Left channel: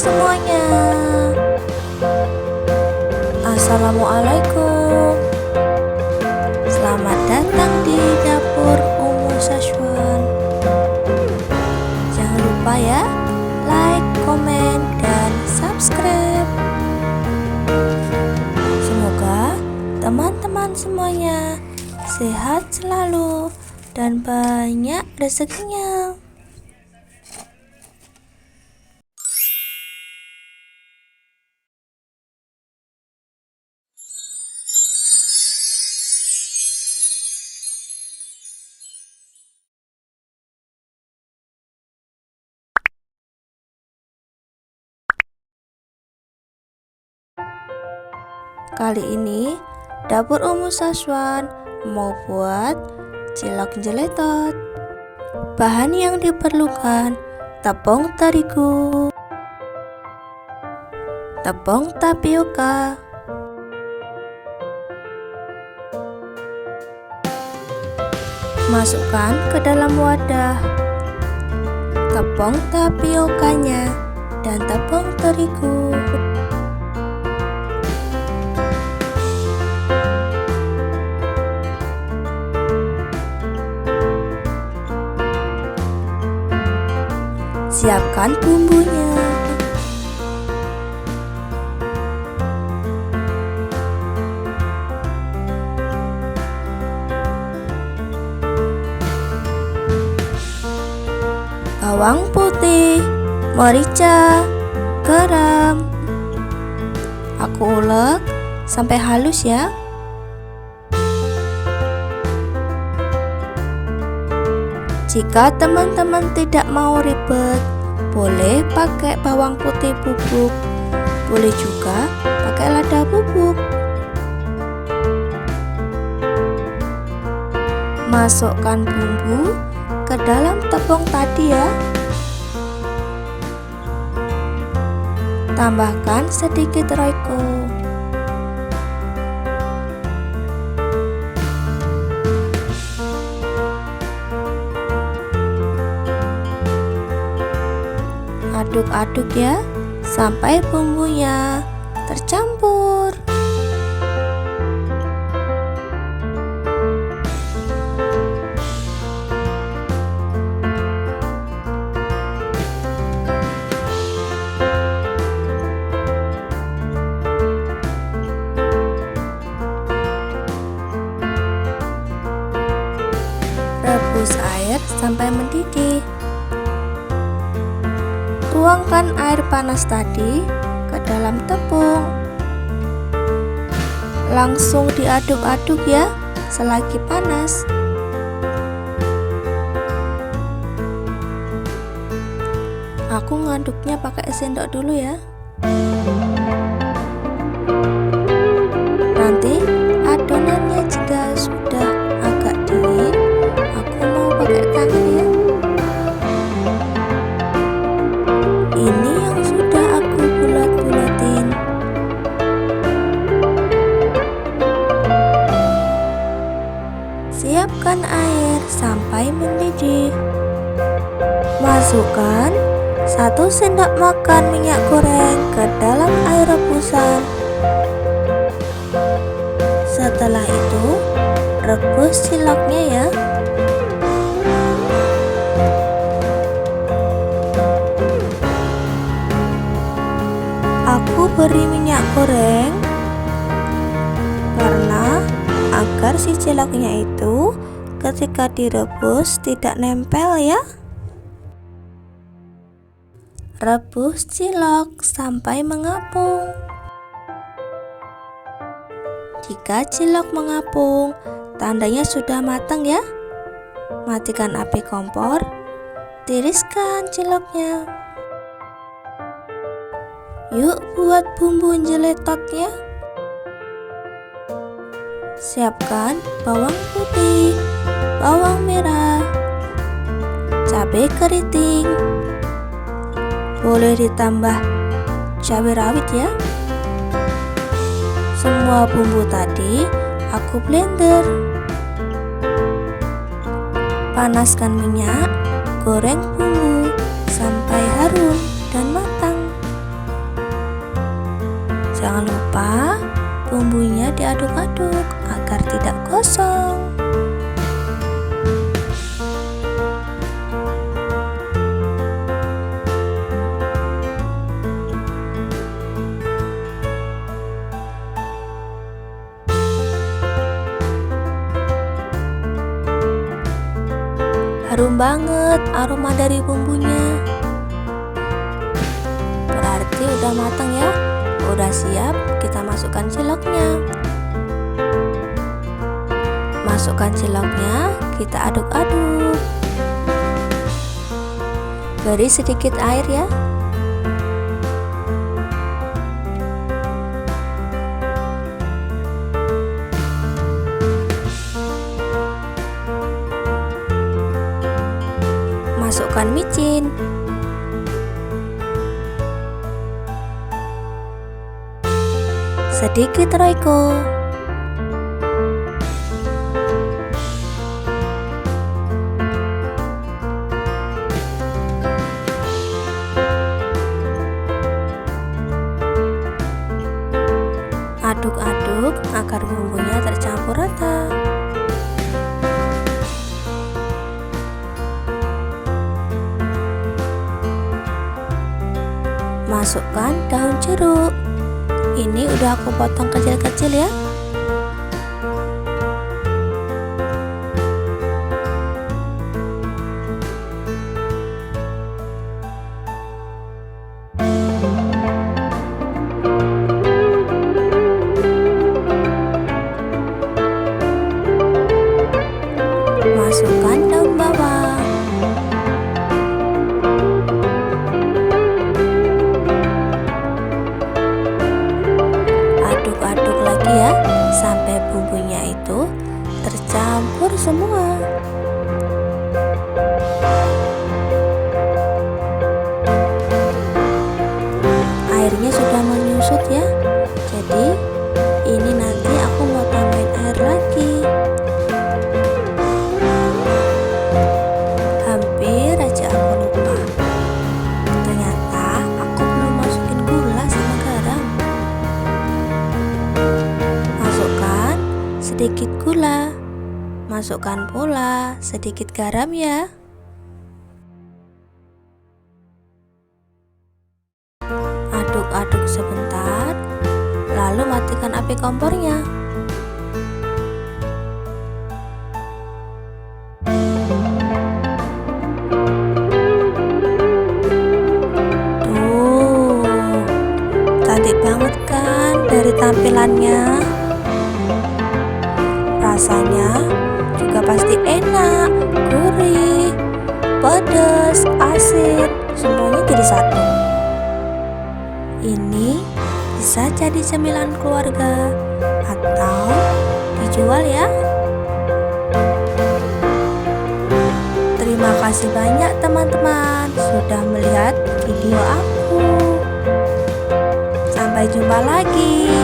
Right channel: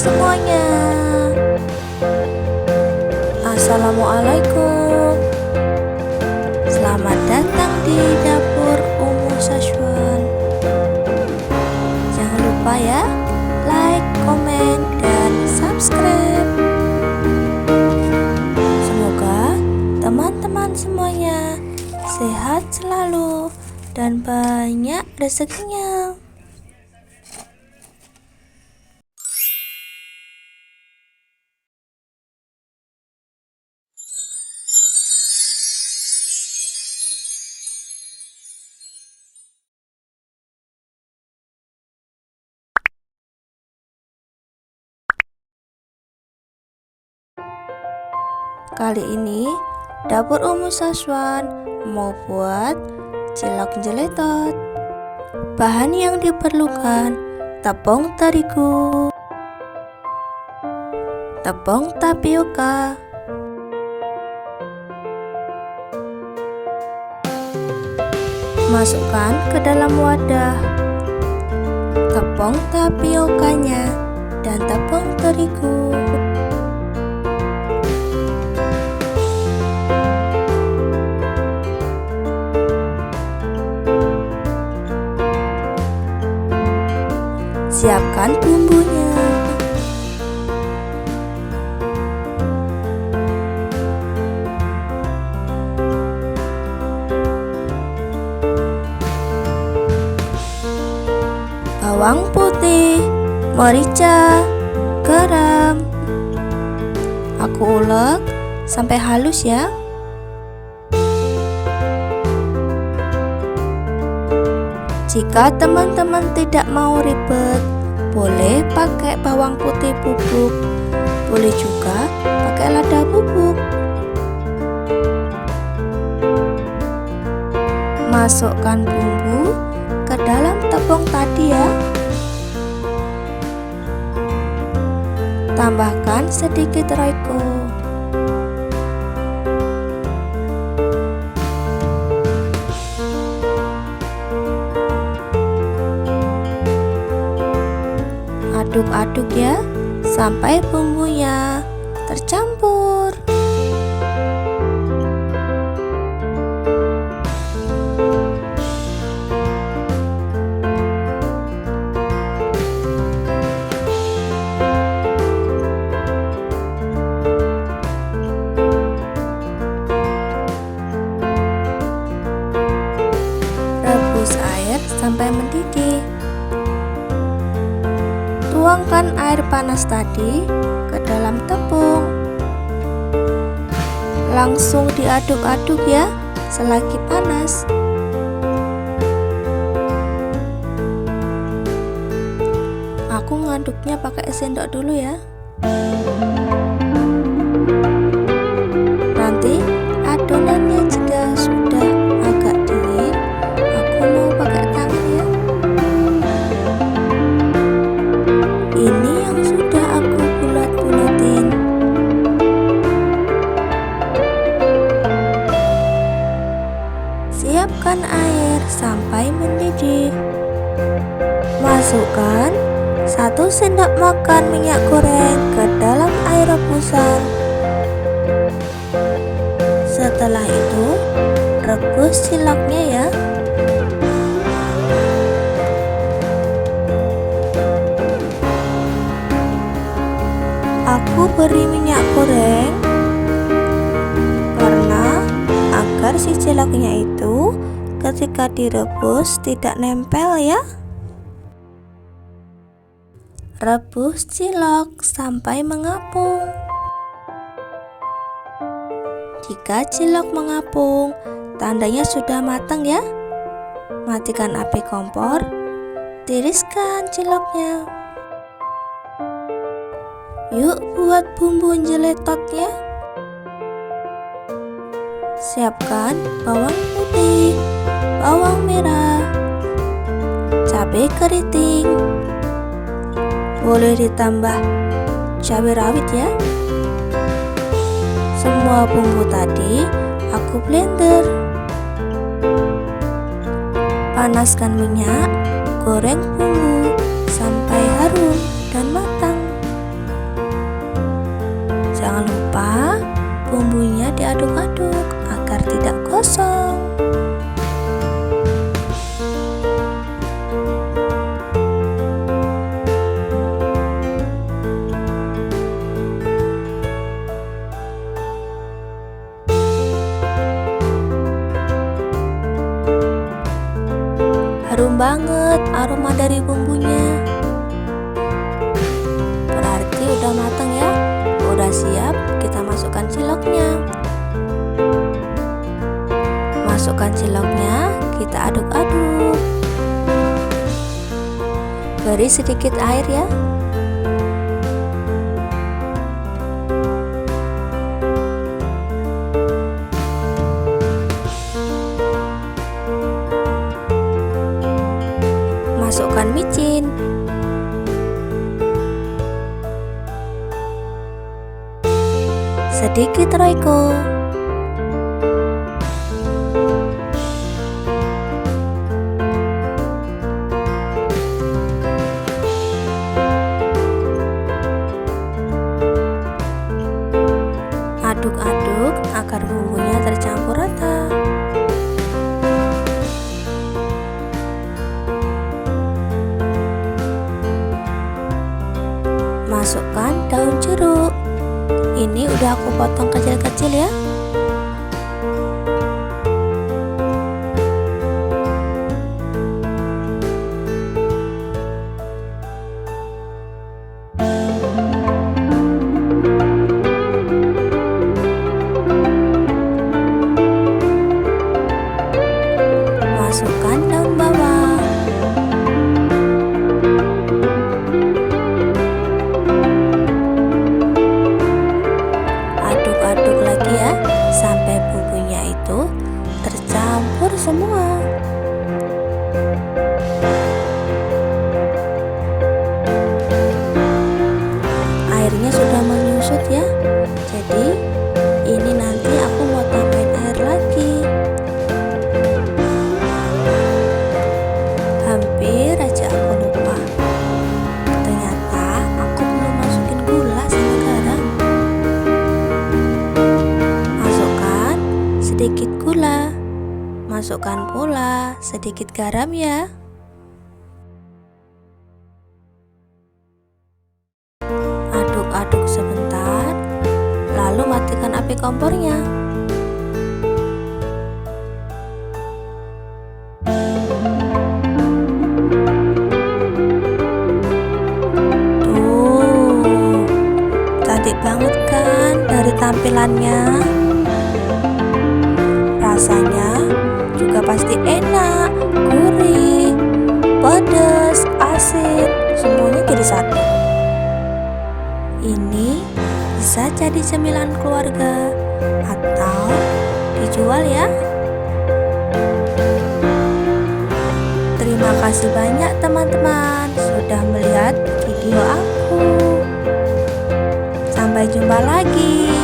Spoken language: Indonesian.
semuanya. Assalamualaikum. Selamat datang di dapur Umu Saswan. Jangan lupa ya, like, komen, dan subscribe. Semoga teman-teman semuanya sehat selalu dan banyak rezekinya. Kali ini dapur Umu Saswan mau buat cilok jeletot. Bahan yang diperlukan: tepung terigu, tepung tapioka, masukkan ke dalam wadah tepung tapiokanya dan tepung terigu. Siapkan bumbunya. Bawang putih, merica, garam. Aku ulek sampai halus ya. Jika teman-teman tidak mau ribet, boleh pakai bawang putih bubuk, boleh juga pakai lada bubuk. Masukkan bumbu ke dalam tepung tadi ya. Tambahkan sedikit royco. Aduk-aduk ya sampai bumbunya tercampur. Rebus air sampai mendidih. Tuangkan air panas tadi ke dalam tepung. Langsung diaduk-aduk ya selagi panas. Aku ngaduknya pakai sendok dulu ya. Nanti adonannya jika sudah agak dingin, aku mau pakai tangan ya. Ini yang sudah aku bulat-bulatin. Siapkan air sampai mendidih. Masukkan 1 sendok makan minyak goreng ke dalam air rebusan. Setelah itu, rebus ciloknya ya. Aku beri minyak goreng karena agar si ciloknya itu ketika direbus tidak nempel ya. Rebus cilok sampai mengapung. Jika cilok mengapung, tandanya sudah matang ya. Matikan api kompor, tiriskan ciloknya. Yuk buat bumbu jeletotnya. Siapkan bawang putih, bawang merah, cabai keriting. Boleh ditambah cabai rawit ya. Semua bumbu tadi aku blender. Panaskan minyak, goreng bumbu sampai harum dan matang. Jangan lupa bumbunya diaduk-aduk agar tidak gosong. Harum banget aroma dari bumbunya. Berarti udah matang ya. Udah siap, kita masukkan ciloknya. Masukkan ciloknya, kita aduk-aduk. Beri sedikit air ya. Masukkan micin. Sedikit royco. Aduk-aduk agar bumbunya tercampur rata. Masukkan daun jeruk. Ini udah aku potong kecil-kecil ya. Masukkan daun bawang. Aduk-aduk lagi ya, sampai bumbunya itu tercampur semua. Airnya sudah menyusut ya. Jadi ini nanti aku mau tambahin air lagi. Hampir aja aku lupa. Ternyata aku belum masukin gula sama garam. Masukkan sedikit gula. Masukkan pula sedikit garam ya. Aduk-aduk sebentar, lalu matikan api kompornya. Tuh, cantik banget kan dari tampilannya. Rasanya juga pasti enak, gurih, pedas, asin, semuanya jadi satu. Ini bisa jadi cemilan keluarga atau dijual ya. Terima kasih banyak teman-teman sudah melihat video aku. Sampai jumpa lagi.